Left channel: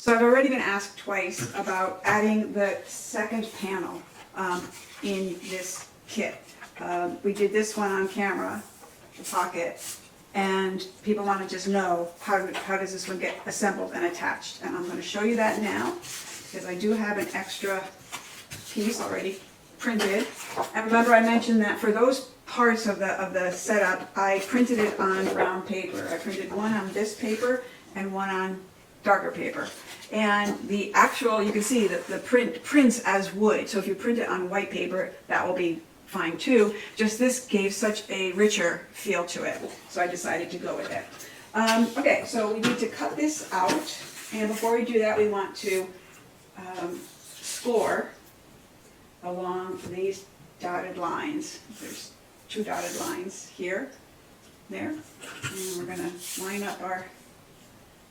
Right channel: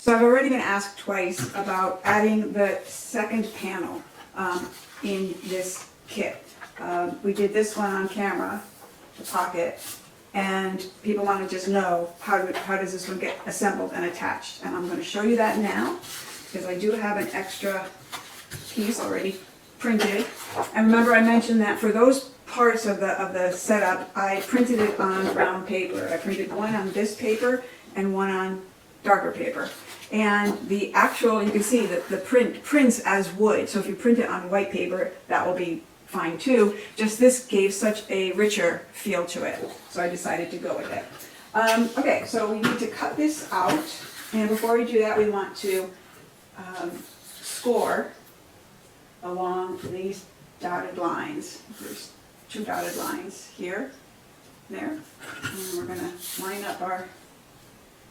So I've already been asked twice about adding the second panel in this kit. We did this one on camera, the pocket, and people want to just know how does this one get assembled and attached. And I'm going to show you that now, because I do have an extra piece already printed. And remember I mentioned that for those parts of the setup, I printed it on brown paper. I printed one on this paper and one on darker paper. And the actual, you can see that the print prints as wood. So if you print it on white paper, that will be fine too. Just this gave such a richer feel to it. So I decided to go with it. Okay, so we need to cut this out. And before we do that, we want to score along these dotted lines. There's 2 dotted lines here, there. And we're going to line up our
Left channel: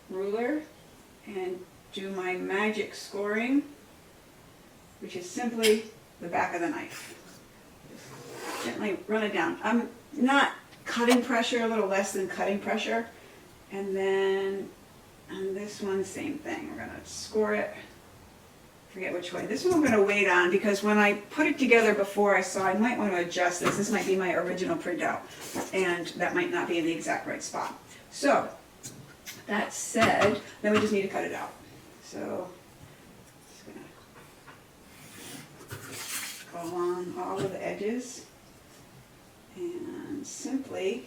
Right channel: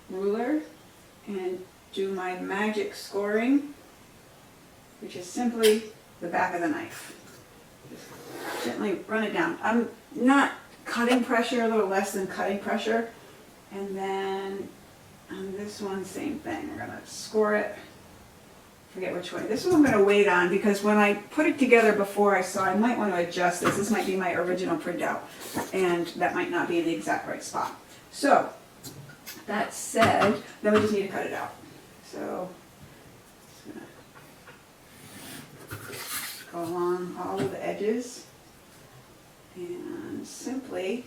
ruler and do my magic scoring, which is simply the back of the knife. Just gently run it down. I'm not cutting pressure, a little less than cutting pressure. And then on this one, same thing. We're going to score it. Forget which way. This one I'm going to wait on because when I put it together before I saw I might want to adjust this. This might be my original printout and that might not be the exact right spot. So that said, then we just need to cut it out. So just going to go along all of the edges and simply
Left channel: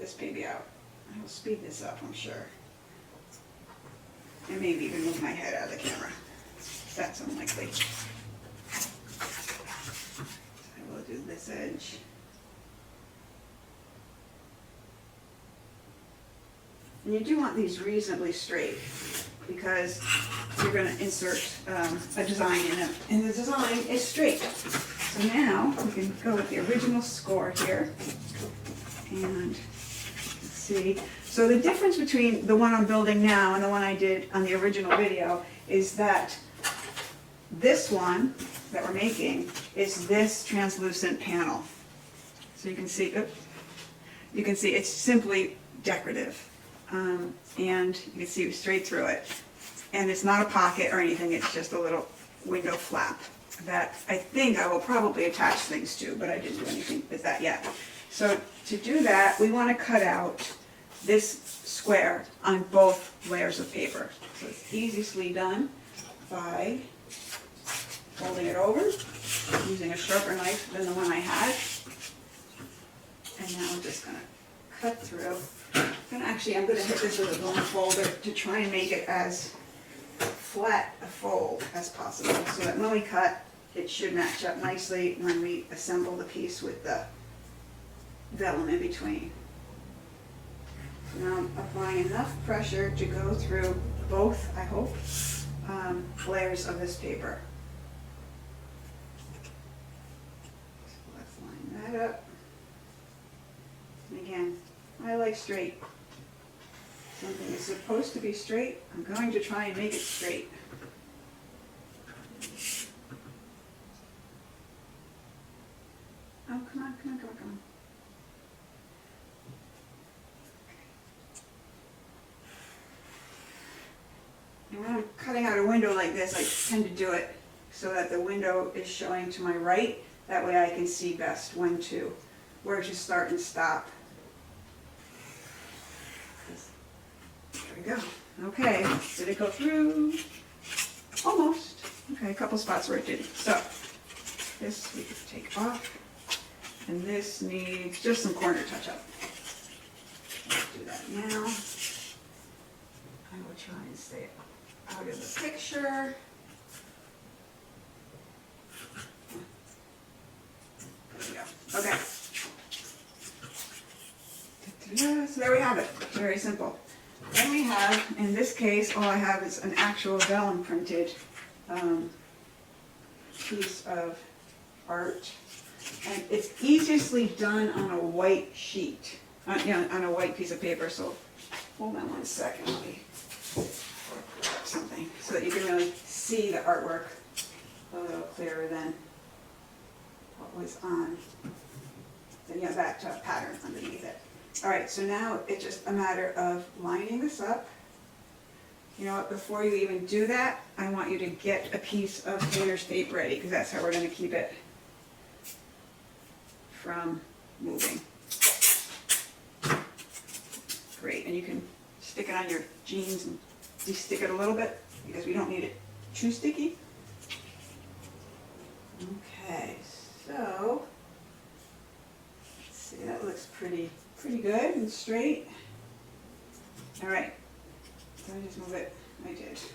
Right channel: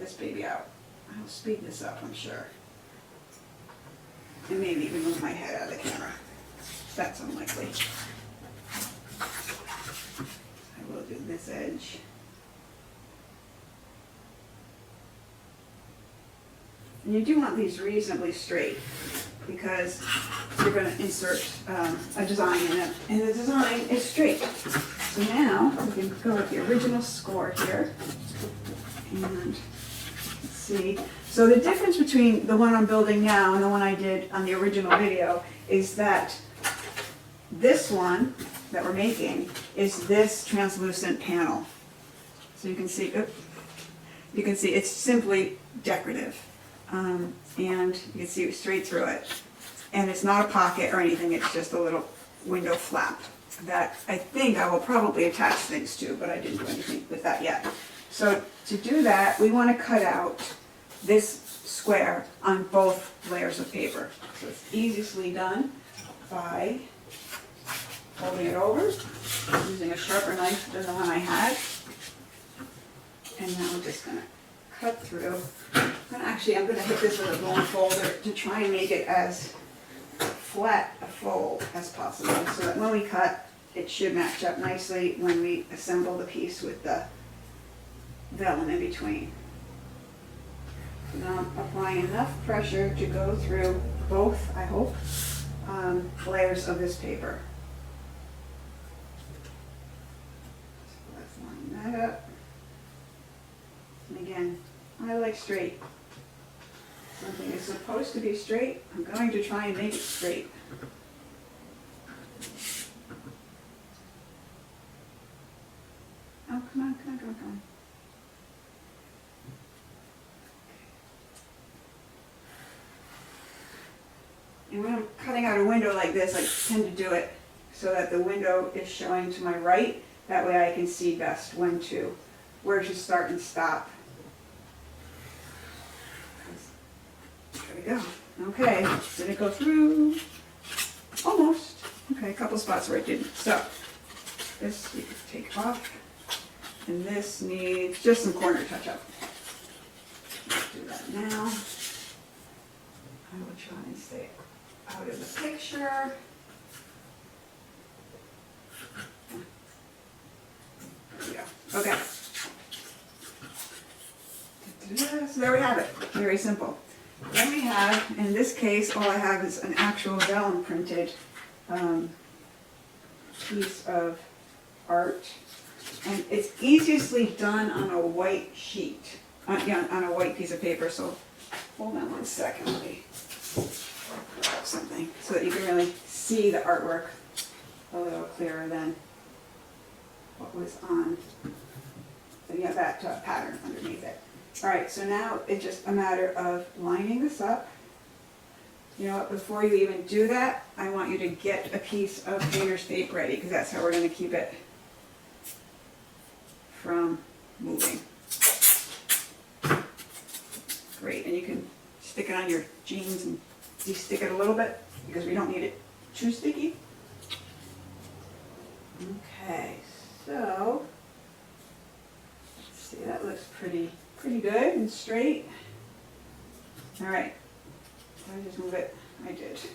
this baby out. I'll speed this up, I'm sure. And maybe even move my head out of the camera. That's unlikely. I will do this edge. And you do want these reasonably straight because you're going to insert a design in it. And the design is straight. So now we can go with the original score here. And see. So the difference between the one I'm building now and the one I did on the original video is that this one that we're making is this translucent panel. So you can see it's simply decorative. And you can see straight through it. And it's not a pocket or anything, it's just a little window flap that I think I will probably attach things to, but I didn't do anything with that yet. So to do that, we want to cut out this square on both layers of paper. So it's easily done by folding it over, using a sharper knife than the one I had. And now we're just going to cut through. And actually, I'm going to hit this with a bone folder to try and make it as flat a fold as possible, so that when we cut, it should match up nicely when we assemble the piece with the vellum in between. Now I'm applying enough pressure to go through both, I hope, layers of this paper. So let's line that up. And again, I like straight. Something is supposed to be straight. I'm going to try and make it straight. Oh, come on, come on, come on, come on. And when I'm cutting out a window like this, I tend to do it so that the window is showing to my right. That way I can see best where to start and stop. There we go. Okay, did it go through? Almost. Okay, a couple spots where it didn't. So this needs to take off, and this needs just some corner touch-up. Let's do that now. I will try and stay out of the picture. There we go. Okay. So there we have it. Very simple. Then we have, in this case, all I have is an actual vellum printed piece of art. And it's easily done on a white sheet, on a white piece of paper. So hold on one second, let me grab something so that you can really see the artwork a little clearer than what was on. Then you have that All right, so now it's just a matter of lining this up. You know what, before you even do that, I want you to get a piece of painter's tape ready, because that's how we're gonna keep it from moving. Great, and you can stick it on your jeans and de-stick it a little bit, because we don't need it too sticky. Okay, so, let's see, that looks pretty good and straight. All right, did I just move it? I did. Okay,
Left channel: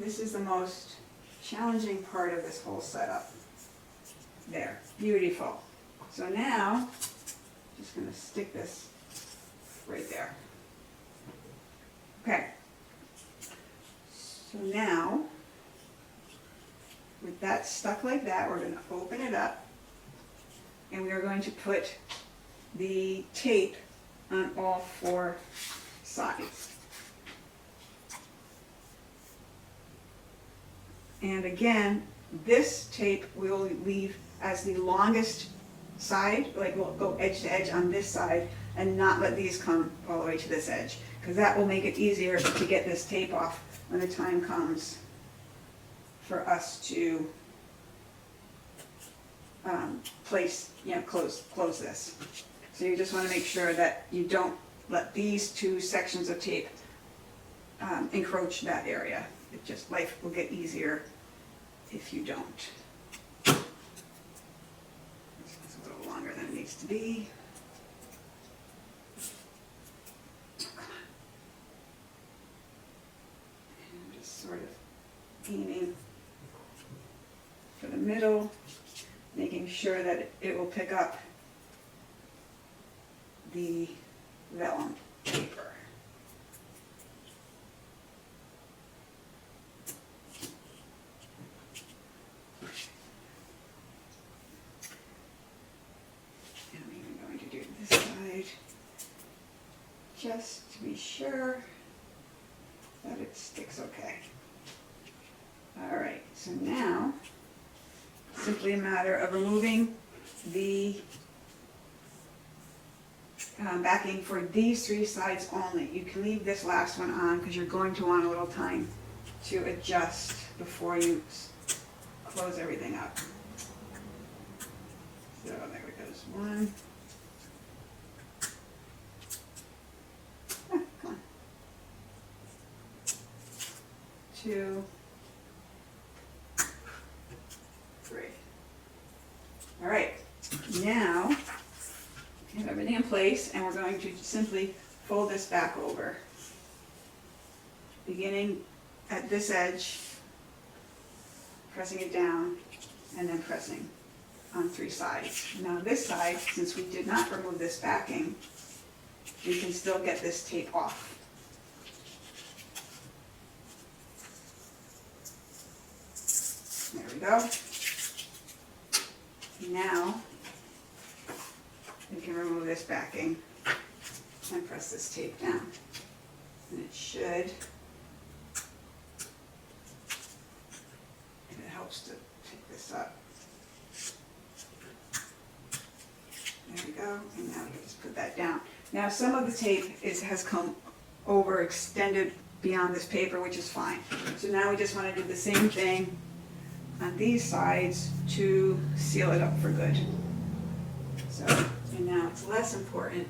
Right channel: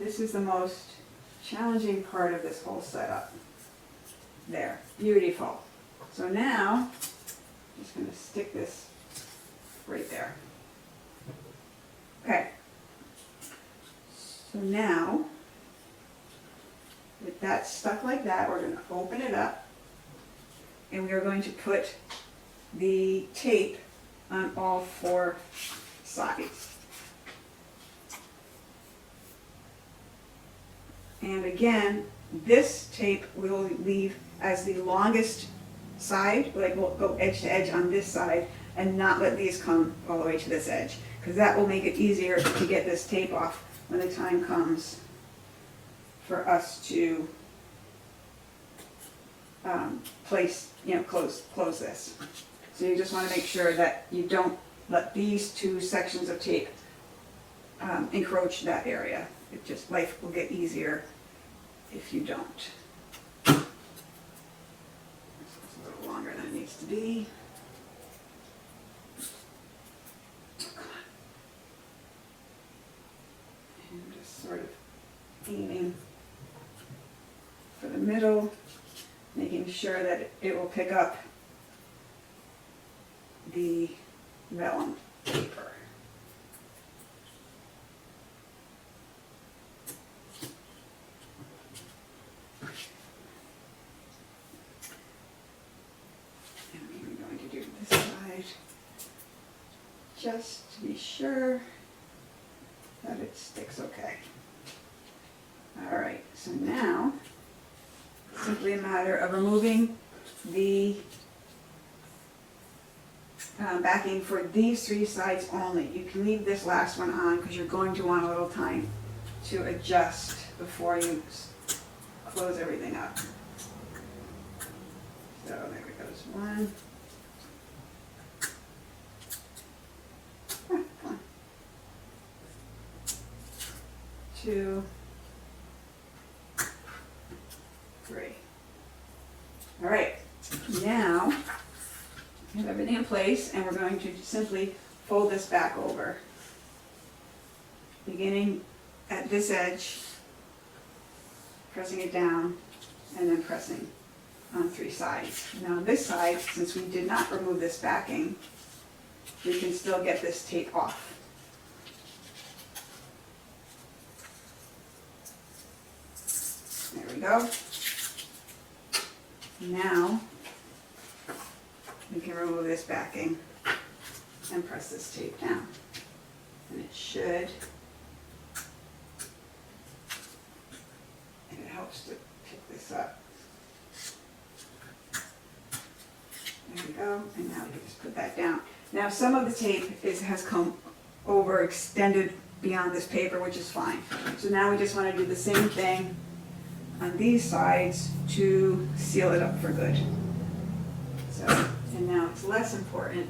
this is the most challenging part of this whole setup. There, beautiful. So now, I'm just gonna stick this right there. Okay. So now, with that stuck like that, we're going to open it up, and we are going to put the tape on all four sides. And again, this tape we'll leave as the longest side, like we'll go edge to edge on this side and not let these come all the way to this edge, because that will make it easier to get this tape off when the time comes for us to close this. So you just want to make sure that you don't let these two sections of tape encroach that area. Life will get easier if you don't. It's a little longer than it needs to be. And I'm just sort of aiming for the middle, making sure that it will pick up the vellum paper. And I'm going to do this side just to be sure that it sticks okay. All right, so now simply a matter of removing the backing for these three sides only. You can leave this last one on because you're going to want a little time to adjust before you close everything up. So there we go, one. Come on. 2, 3. All right, now we have everything in place, and we're going to simply fold this back over, beginning at this edge, pressing it down, and then pressing on 3 sides. Now this side, since we did not remove this backing, we can still get this tape off. There we go. Now we can remove this backing and press this tape down. And it should, if it helps to pick this up. There we go, and now we can just put that down. Now some of the tape has come overextended beyond this paper, which is fine. So now we just want to do the same thing on these sides to seal it up for good. So, and now it's less important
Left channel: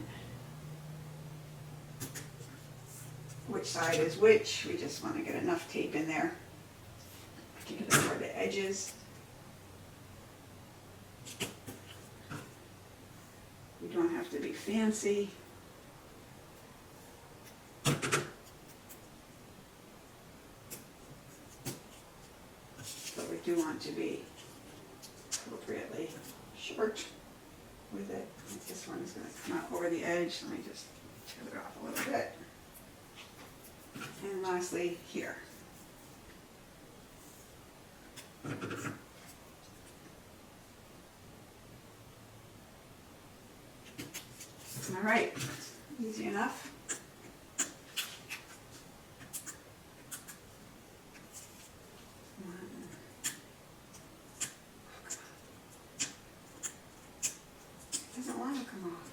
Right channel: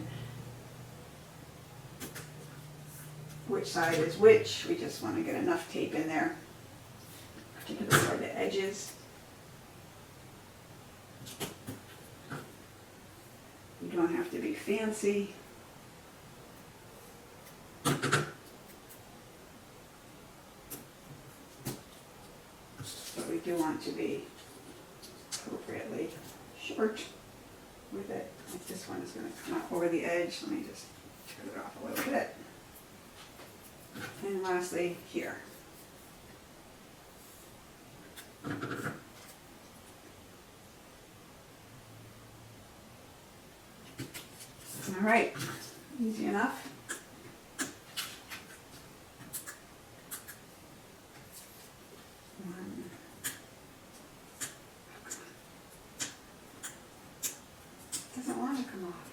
which side is which. We just want to get enough tape in there, particularly for the edges. You don't have to be fancy. But we do want to be appropriately short with it. Like this one is going to come out over the edge. Let me just turn it off a little bit. And lastly, here. All right, easy enough. Doesn't want to come off.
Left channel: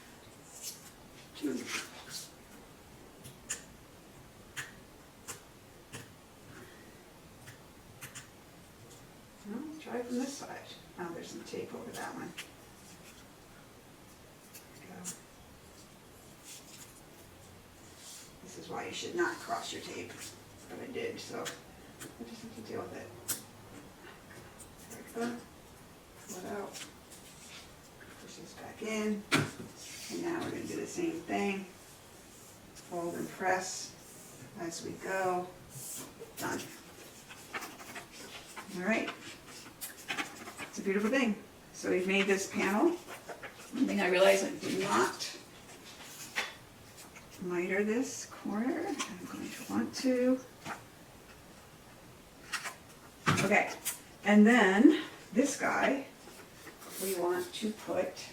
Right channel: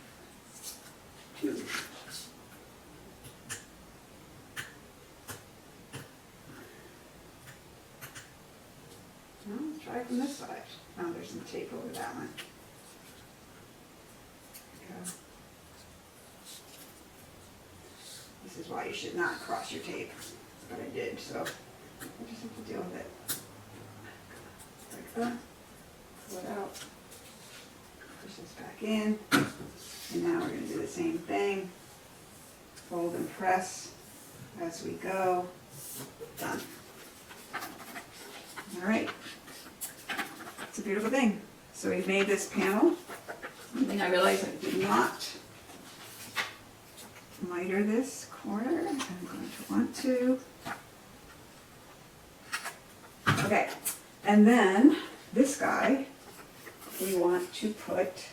2. Well, let's try from this side. Oh, there's some tape over that one. There we go. This is why you should not cross your tape, but I did, so I just have to deal with it. There we go. Pull it out. Push this back in. And now we're going to do the same thing. Fold and press as we go. Done. All right. It's a beautiful thing. So we've made this panel. And I realized I did not miter this corner. I'm going to want to. Okay. And then this guy we want to put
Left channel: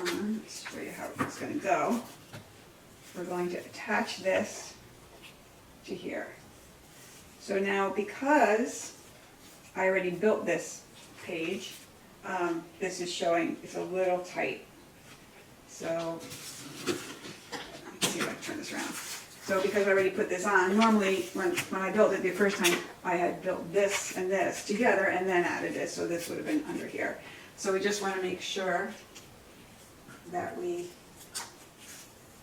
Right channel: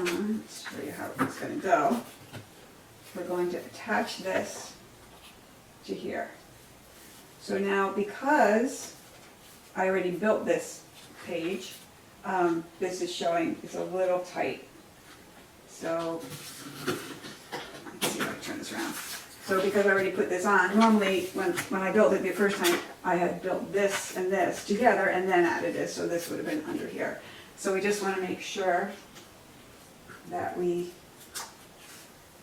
on. Let's show you how it's going to go. We're going to attach this to here. So now, because I already built this page, this is showing it's a little tight. So, let's see if I can turn this around. So because I already put this on, normally when I built it the first time, I had built this and this together and then added this, so this would have been under here. So we just want to make sure that we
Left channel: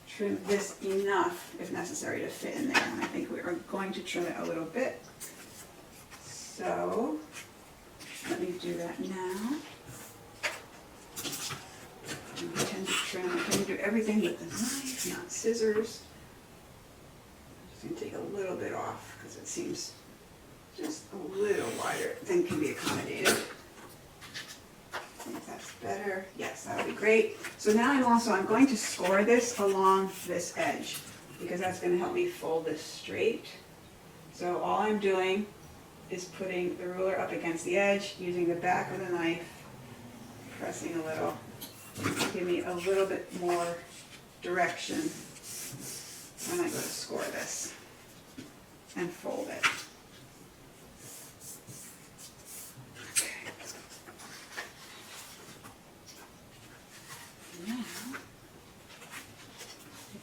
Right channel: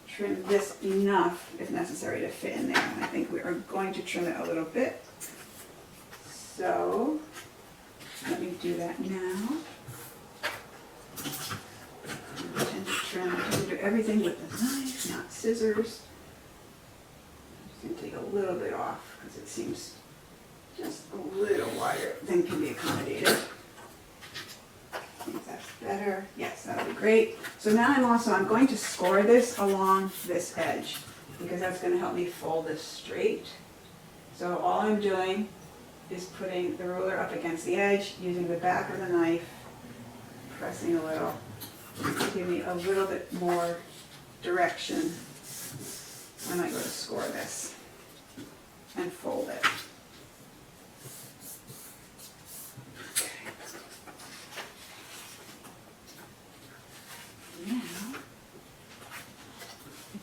trim this enough, if necessary, to fit in there. And I think we are going to trim it a little bit. So let me do that now. I tend to do everything with the knife, not scissors. I'm just going to take a little bit off because it seems just a little wider than can be accommodated. If that's better. Yes, that would be great. So now I'm going to score this along this edge because that's going to help me fold this straight. So all I'm doing is putting the ruler up against the edge, using the back of the knife, pressing a little to give me a little bit more direction when I go to score this and fold it.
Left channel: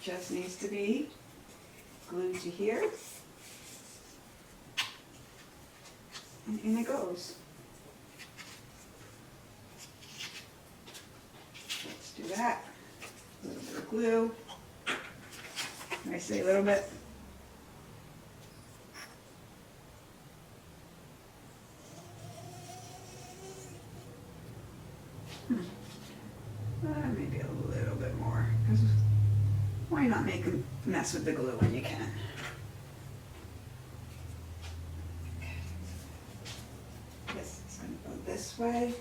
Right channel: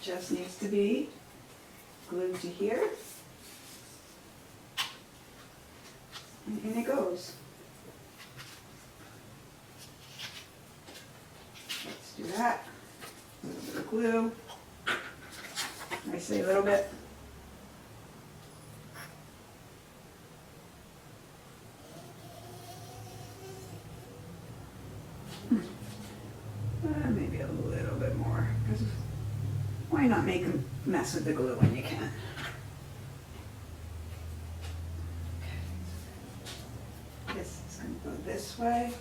Just needs to be glued to here, and in it goes. Let's do that. A little bit of glue. I say a little bit. Maybe a little bit more. Why not make a mess with the glue when you can? Okay. This is going to go this way.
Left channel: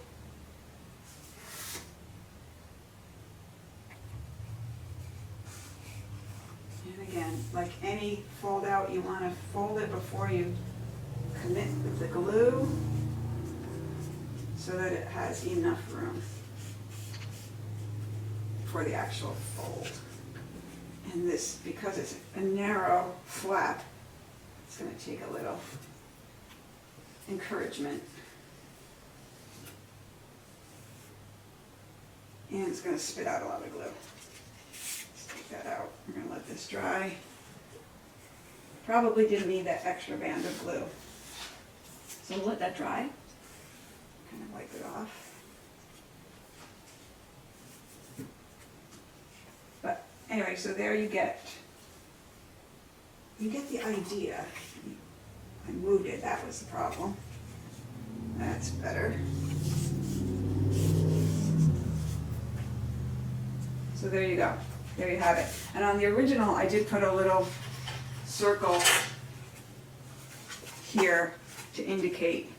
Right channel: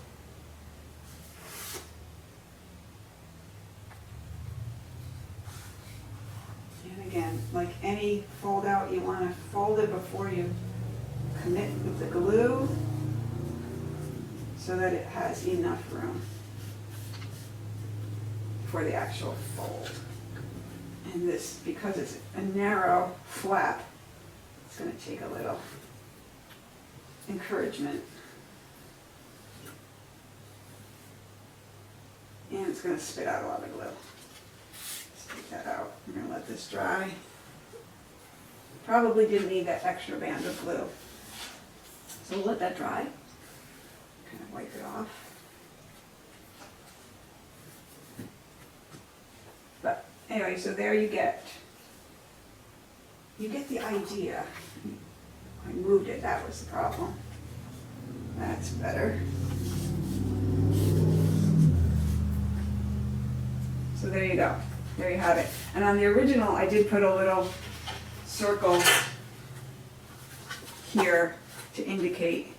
And again, like any fold out, you want to fold it before you commit with the glue so that it has enough room for the actual fold. And this, because it's a narrow flap, it's going to take a little encouragement. And it's going to spit out a lot of glue. Let's take that out. We're going to let this dry. Probably didn't need that extra band of glue. So we'll let that dry. Kind of wipe it off. Anyway, so there you get the idea. I moved it, that was the problem. That's better. So there you go. There you have it. And on the original, I did put a little circle here to indicate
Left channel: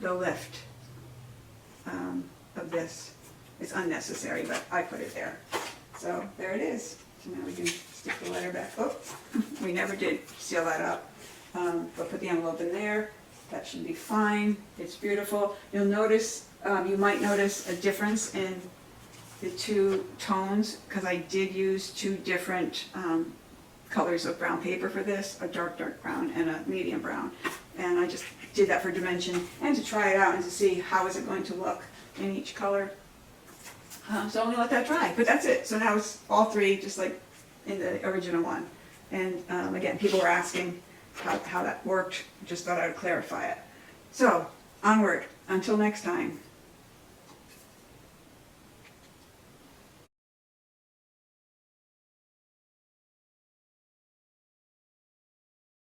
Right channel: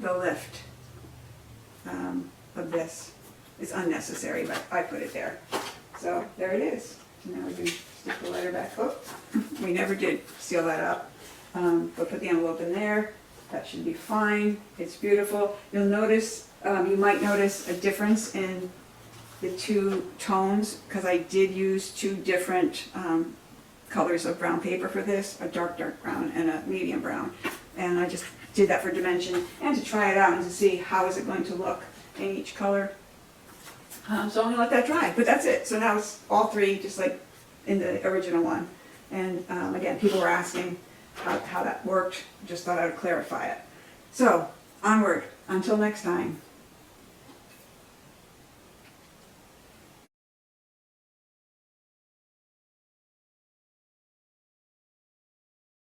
the lift of this. It's unnecessary, but I put it there. So there it is. So now we can stick the letter back up. We never did seal that up, but put the envelope in there. That should be fine. It's beautiful. You'll notice, you might notice a difference in the two tones because I did use two different colors of brown paper for this, a dark brown and a medium brown. And I just did that for dimension and to try it out and to see how is it going to look in each color. So I'm gonna let that dry, but that's it. So now it's all three, just like in the original one. And again, people were asking how that worked, just thought I would clarify it. So, onward, until next time.